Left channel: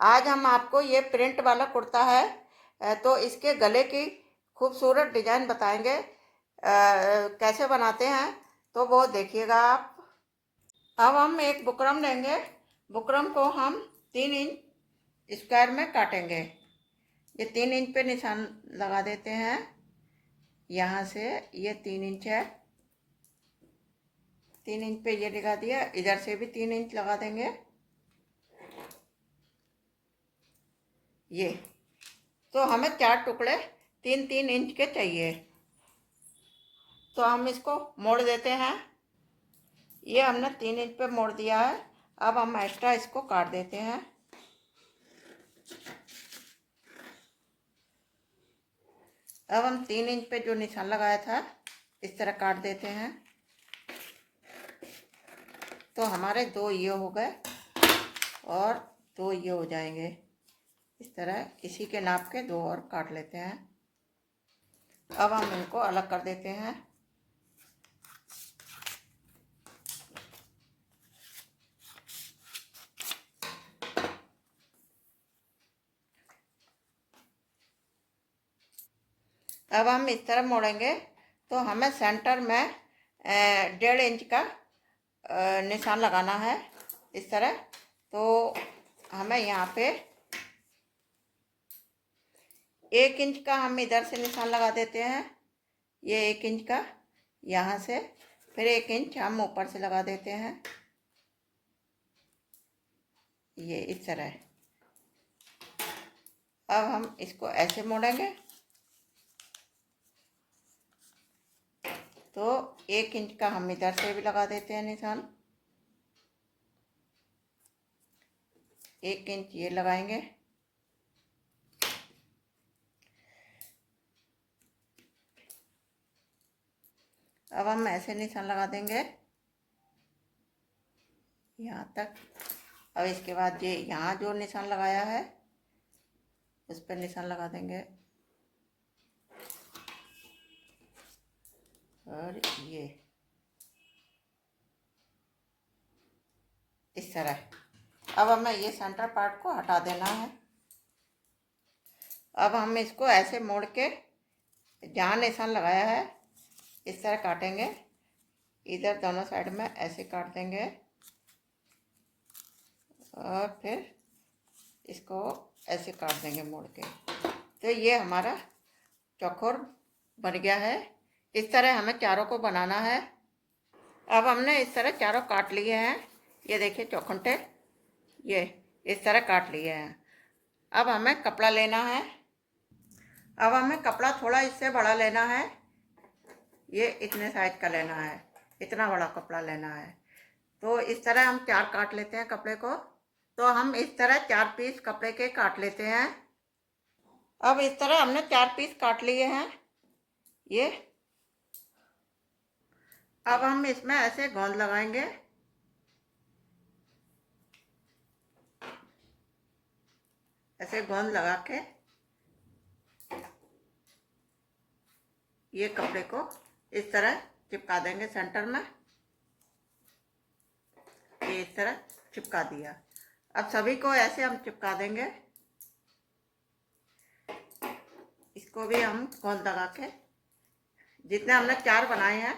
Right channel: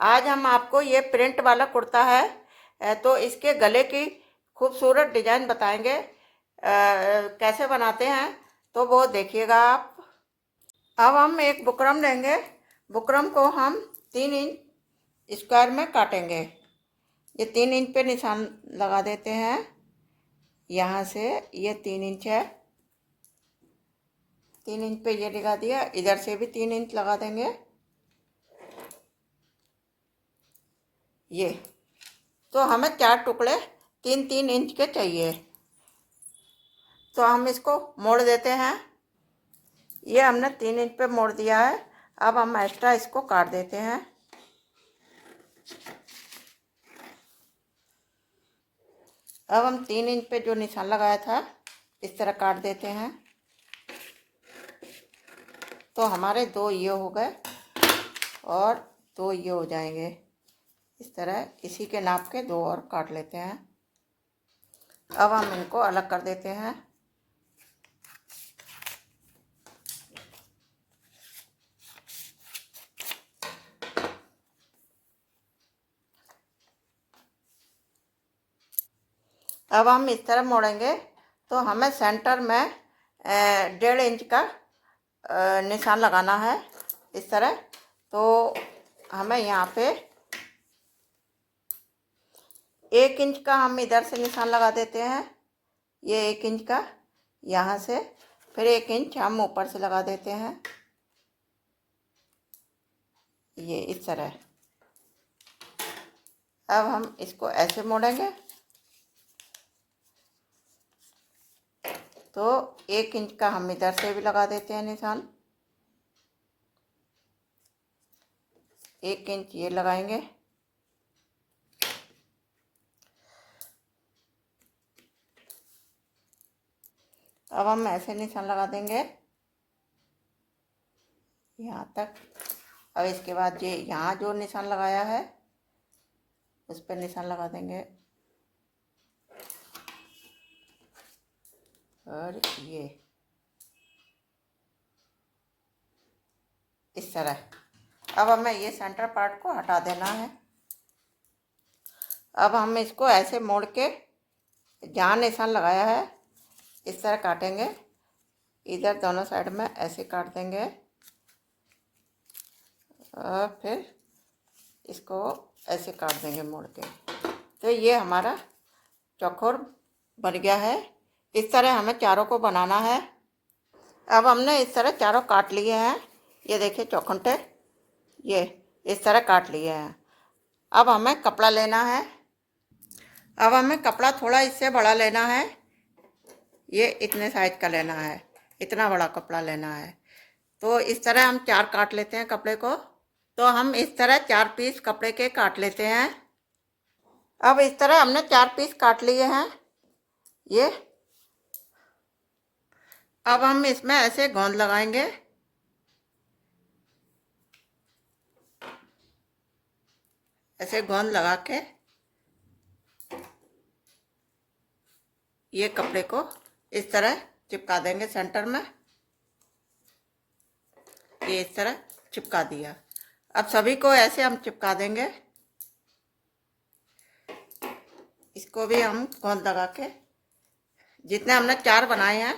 आज हम आपको ये प्रिंट वाला कुर्ता है, तो इसके गले की खूबसूरत डिजाइन बताएंगे। कैसे बनाते हैं तो वो देखिएगा आप। अब हम एक बुकरम लेंगे। बुकरम को हम 3 इंच स्क्वायर में काटेंगे। ये 3 इंच पे निशान लगा देते हैं। यहाँ से ये 3 इंच है, 3 इंच पे ये लगा दिया। इधर से भी 3 इंच लगा देंगे। ये तो हमें 4 टुकड़े 3-3 इंच के चाहिए। तो हम इसको मोड़ देते हैं। ये हमने 3 इंच पे मोड़ दिया है। अब हम एक्स्ट्रा इसको काट देते हैं। अब हम 3 इंच पे जो निशान लगाया था इस तरह काट देते हैं। तो हमारे 2 ये हो गए और 2 ये हो जाएंगे। इस तरह इसी के नाप के 2 और काट लेते हैं। अब हम इनको अलग कर देते हैं। अब हम इस तरह मोड़ेंगे तो हमें सेंटर में 1.5 इंच का निशान लगाना है इस तरह। तो हमें यहाँ पे 1 इंच का हम इधर से निशान लगा देते हैं। ये 1 इंच का यहाँ से, फिर 1 इंच हम ऊपर से लगा देते हैं। ये इस तरह। अब हम इसको ऐसे मोड़ेंगे तो 1 इंच का हम इधर से भी लगा देते हैं निशान। 1 इंच ये लगाएंगे। अब हम ऐसे निशान लगा देंगे यहाँ तक। अब इसके बाद ये यहाँ जो निशान लगाया है उस पर निशान लगा देंगे और ये इस तरह। अब हमें ये सेंटर पार्ट को हटा देना है। अब हम इसको ऐसे मोड़ के जहाँ निशान लगाया है इस तरह काटेंगे। इधर दोनों साइड में ऐसे काट देंगे और फिर इसको ऐसे काट देंगे मोड़ के। तो ये हमारा चौकोर बन गया है। इस तरह हमें चारों को बनाना है। अब हमने इस तरह चारों काट लिए हैं। ये देखिए चौखुंटे ये इस तरह काट लिए हैं। अब हमें कपड़ा लेना है। अब हमें कपड़ा थोड़ा इससे बड़ा लेना है। ये इतने साइज का लेना है, इतना बड़ा कपड़ा लेना है। तो इस तरह हम 4 काट लेते हैं कपड़े को। तो हम इस तरह 4 पीस कपड़े के काट लेते हैं। अब इस तरह हमने 4 पीस काट लिए हैं ये। अब हम इसमें ऐसे गोंद लगाएंगे। ऐसे गोंद लगा के ये कपड़े को इस तरह चिपका देंगे सेंटर में। ये इस तरह चिपका दिया। अब सभी को ऐसे हम चिपका देंगे। इसको भी हम गोंद लगा के, जितने हमने 4 बनाए हैं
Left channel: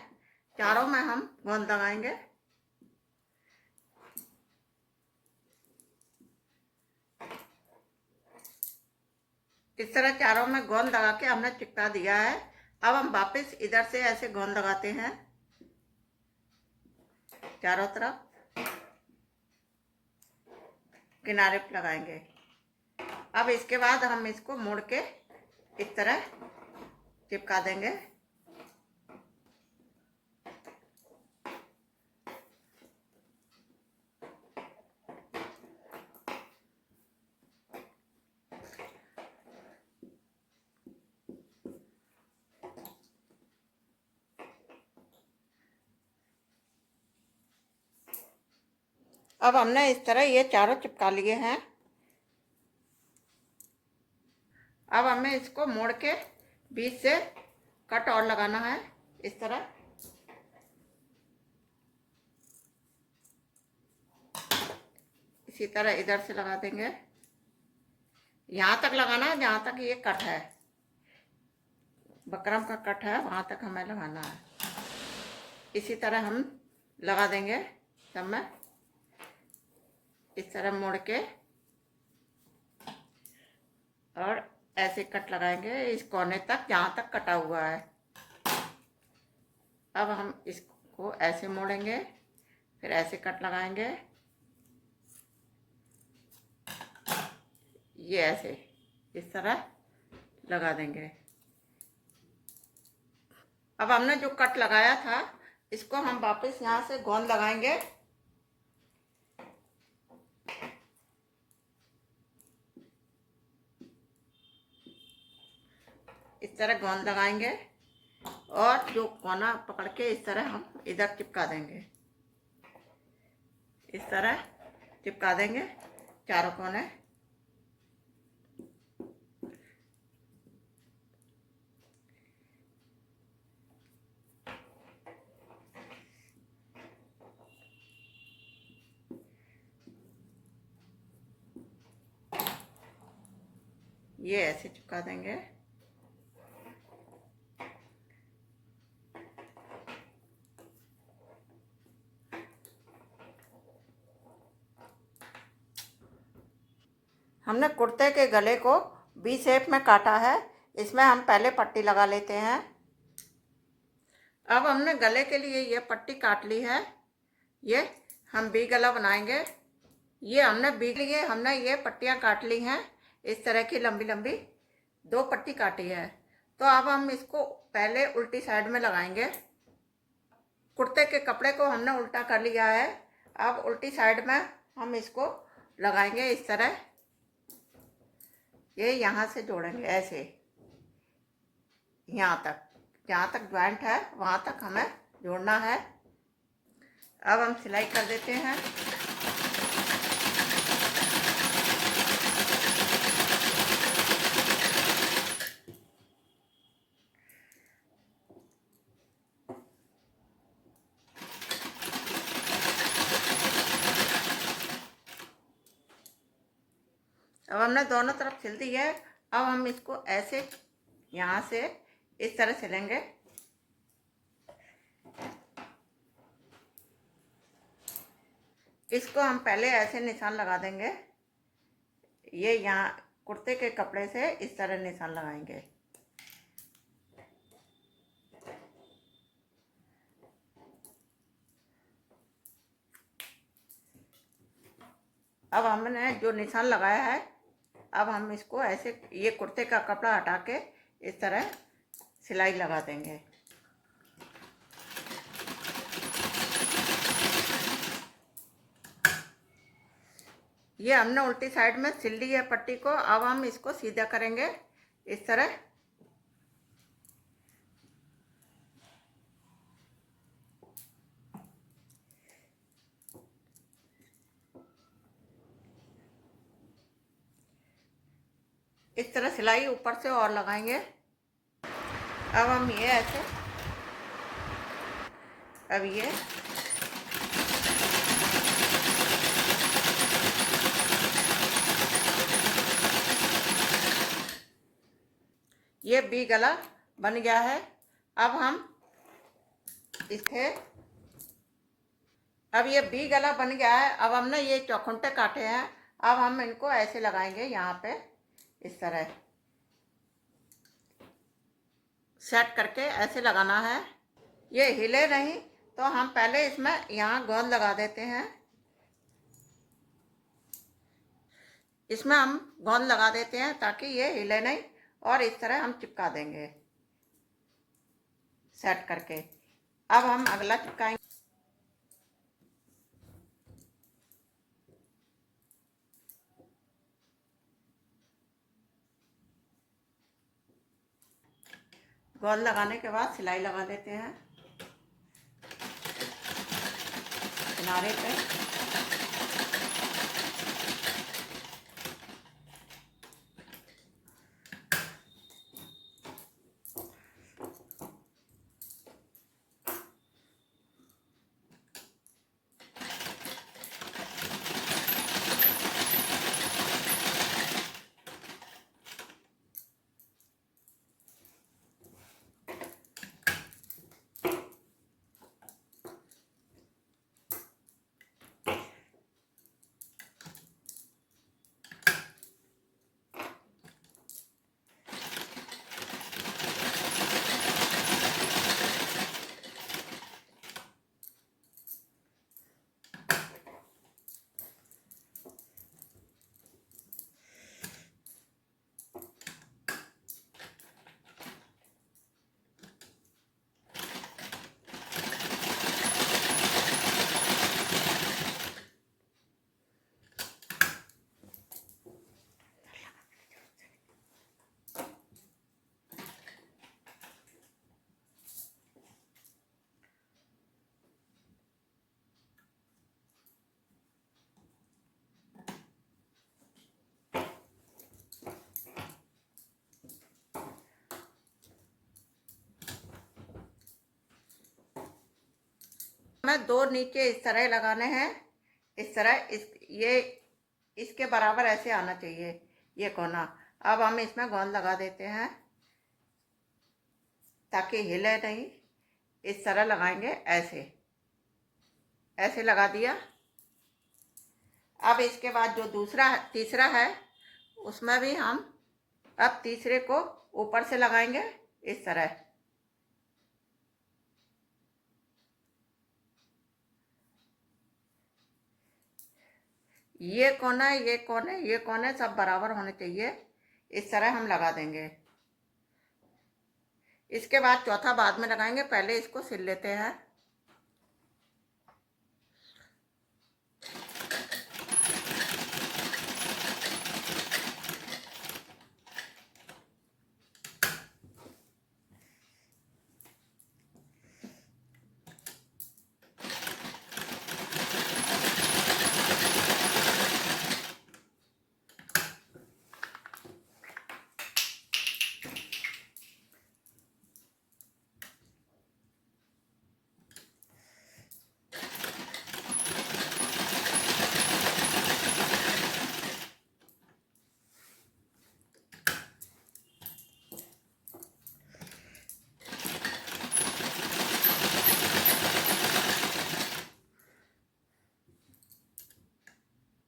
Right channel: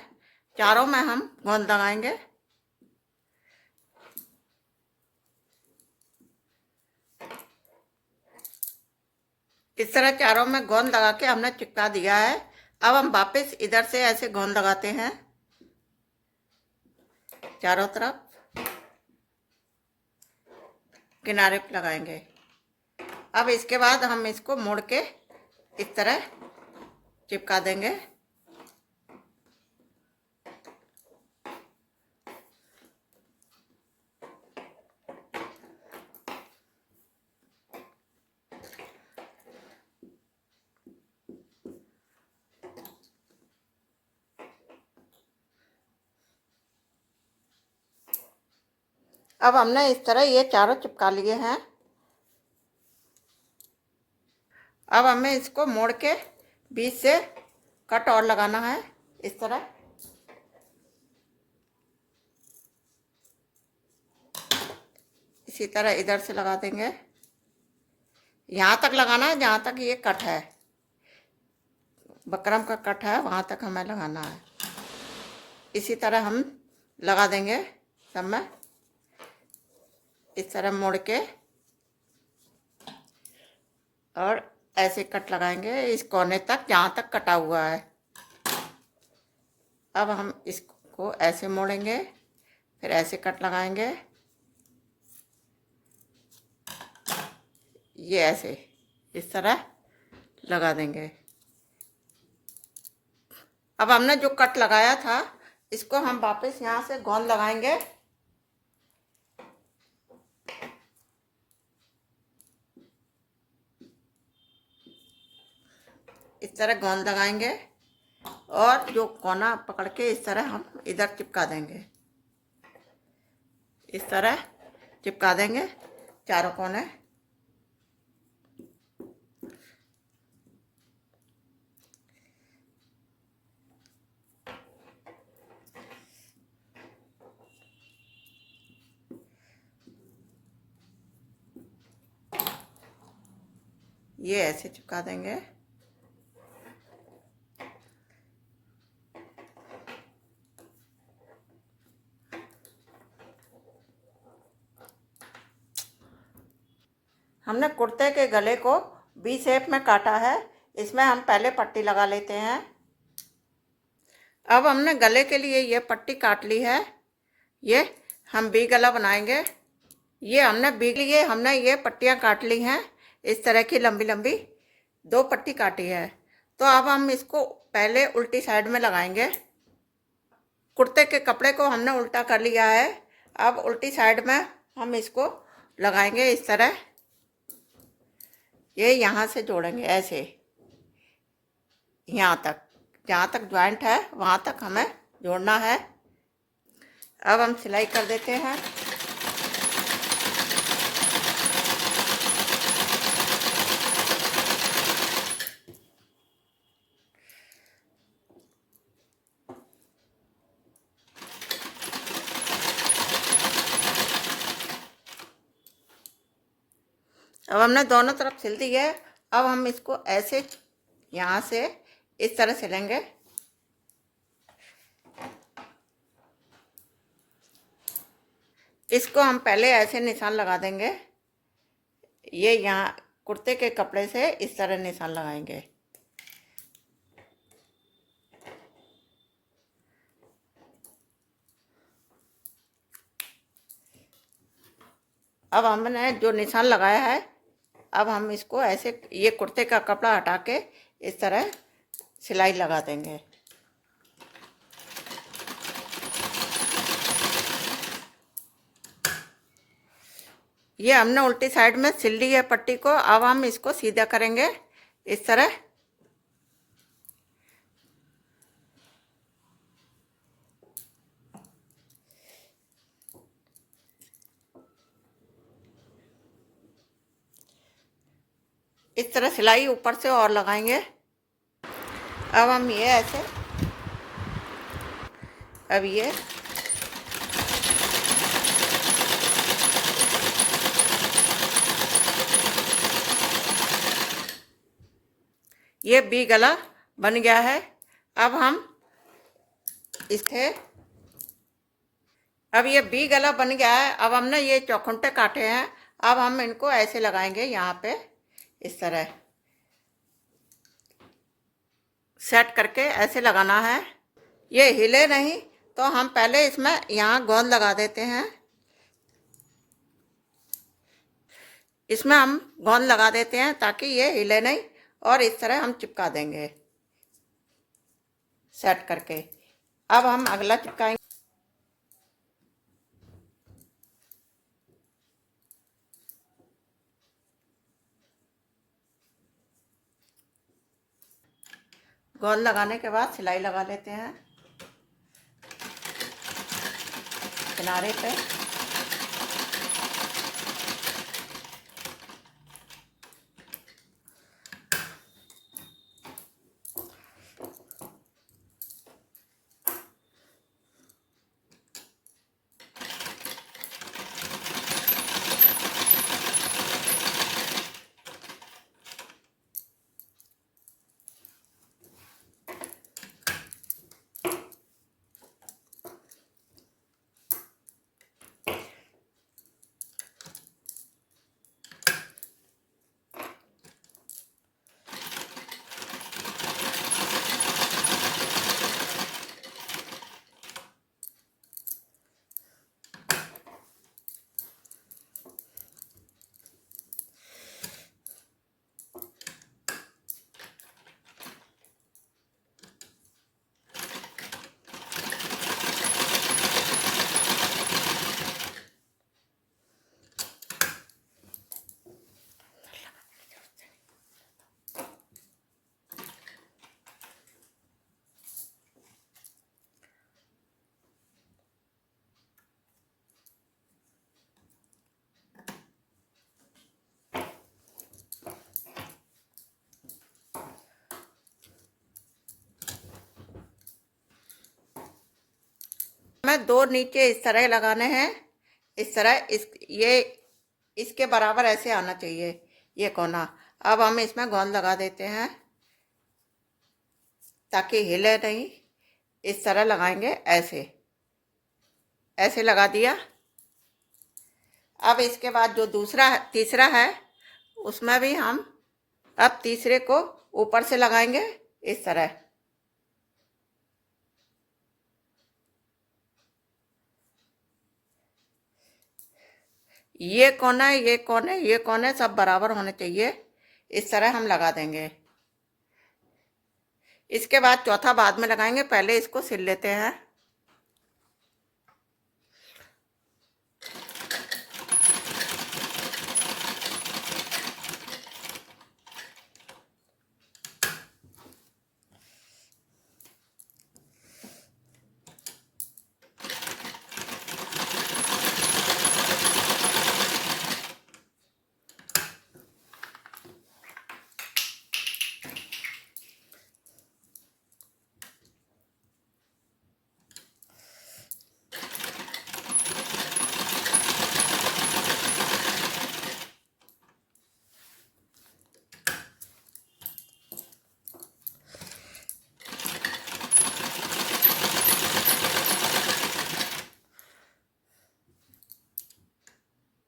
चारों में हम गोंद लगाएंगे। इस तरह चारों में गोंद लगा के हमने चिपका दिया है। अब हम वापस इधर से ऐसे गोंद लगाते हैं चारों तरफ, किनारे पे लगाएंगे। अब इसके बाद हम इसको मोड़ के इस तरह चिपका देंगे। अब हमने इस तरह ये चारों चिपका लिए हैं। अब हमें इसको मोड़ के बीच से कट और लगाना है इस तरह। इसी तरह इधर से लगा देंगे। यहाँ तक लगाना है जहाँ तक ये कट है, बकरम का कट है वहाँ तक हमें लगाना है। इसी तरह हम लगा देंगे सब में, इस तरह मोड़ के और ऐसे कट लगाएंगे इस कोने तक जहाँ तक कटा हुआ है। अब हम इसको ऐसे मोड़ेंगे, फिर ऐसे कट लगाएंगे, ये ऐसे इस तरह लगा देंगे। अब हमने जो कट लगाया था इसको हम वापस यहाँ से गोंद लगाएंगे। इस तरह गोंद लगाएंगे और जो कोना पकड़ के इस तरह हम इधर चिपका देंगे, इस तरह चिपका देंगे चारों कोने। ये ऐसे चिपका देंगे। हमने कुर्ते के गले को वी शेप में काटा है, इसमें हम पहले पट्टी लगा लेते हैं। अब हमने गले के लिए ये पट्टी काट ली है, ये हम वी गला बनाएंगे। ये हमने ये पट्टियाँ काट ली हैं, इस तरह की लंबी लंबी 2 पट्टी काटी है। तो अब हम इसको पहले उल्टी साइड में लगाएंगे। कुर्ते के कपड़े को हमने उल्टा कर लिया है, अब उल्टी साइड में हम इसको लगाएंगे इस तरह। ये यहाँ से जोड़ेंगे ऐसे, यहाँ तक, जहाँ तक ज्वाइंट है वहाँ तक हमें जोड़ना है। अब हम सिलाई कर देते हैं। अब हमने दोनों तरफ सिल दी है। अब हम इसको ऐसे यहाँ से इस तरह सिलेंगे। इसको हम पहले ऐसे निशान लगा देंगे, ये यहाँ कुर्ते के कपड़े से इस तरह निशान लगाएंगे। अब हमने जो निशान लगाया है, अब हम इसको ऐसे ये कुर्ते का कपड़ा हटा के इस तरह सिलाई लगा देंगे। ये हमने उल्टी साइड में सिल ली है पट्टी को। अब हम इसको सीधा करेंगे इस तरह। इस तरह सिलाई ऊपर से और लगाएंगे। अब हम ये ऐसे, अब ये बी गला बन गया है। अब हम इसे, अब ये बी गला बन गया है। अब हमने ये चौखुंटे काटे हैं, अब हम इनको ऐसे लगाएंगे यहाँ पे इस तरह सेट करके ऐसे लगाना है। ये हिले नहीं तो हम पहले इसमें यहाँ गोंद लगा देते हैं। इसमें हम गोंद लगा देते हैं ताकि ये हिले नहीं, और इस तरह हम चिपका देंगे सेट करके। अब हम अगला चिपकाएंगे। गोंद लगाने के बाद सिलाई लगा लेते हैं किनारे पे। हमें 2 नीचे इस तरह लगाने हैं, इस तरह ये इसके बराबर ऐसे आना चाहिए ये कोना। अब हम इसमें गोंद लगा देते हैं ताकि हिले नहीं। इस तरह लगाएंगे, ऐसे ऐसे लगा दिया। अब इसके बाद जो तीसरा है उसमें भी हम अब तीसरे को ऊपर से लगाएंगे इस तरह। ये कोने सब बराबर होने चाहिए, इस तरह हम लगा देंगे। इसके बाद चौथा बाद में लगाएंगे, पहले इसको सिल लेते हैं।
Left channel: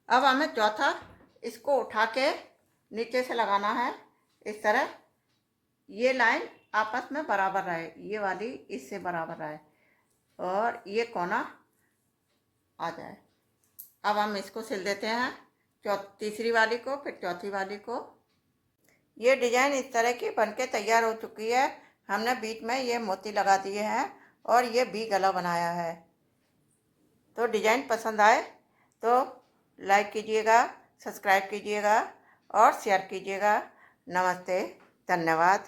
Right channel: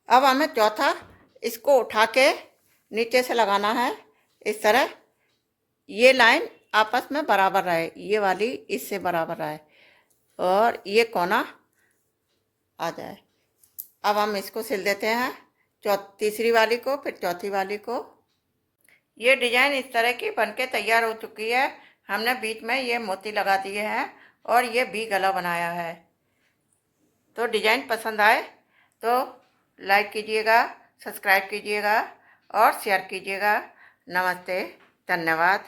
अब हमें चौथा इसको उठा के नीचे से लगाना है इस तरह। ये लाइन आपस में बराबर रहे, ये वाली इससे बराबर रहे और ये कोना आ जाए। अब हम इसको सिल देते हैं, तीसरी वाली को, फिर चौथी वाली को। ये डिजाइन इस तरह की बनके तैयार हो चुकी है। हमने बीच में ये मोती लगा दिए हैं और ये भी गला बनाया है। तो डिजाइन पसंद आए तो लाइक कीजिएगा, सब्सक्राइब कीजिएगा और शेयर कीजिएगा। नमस्ते, धन्यवाद।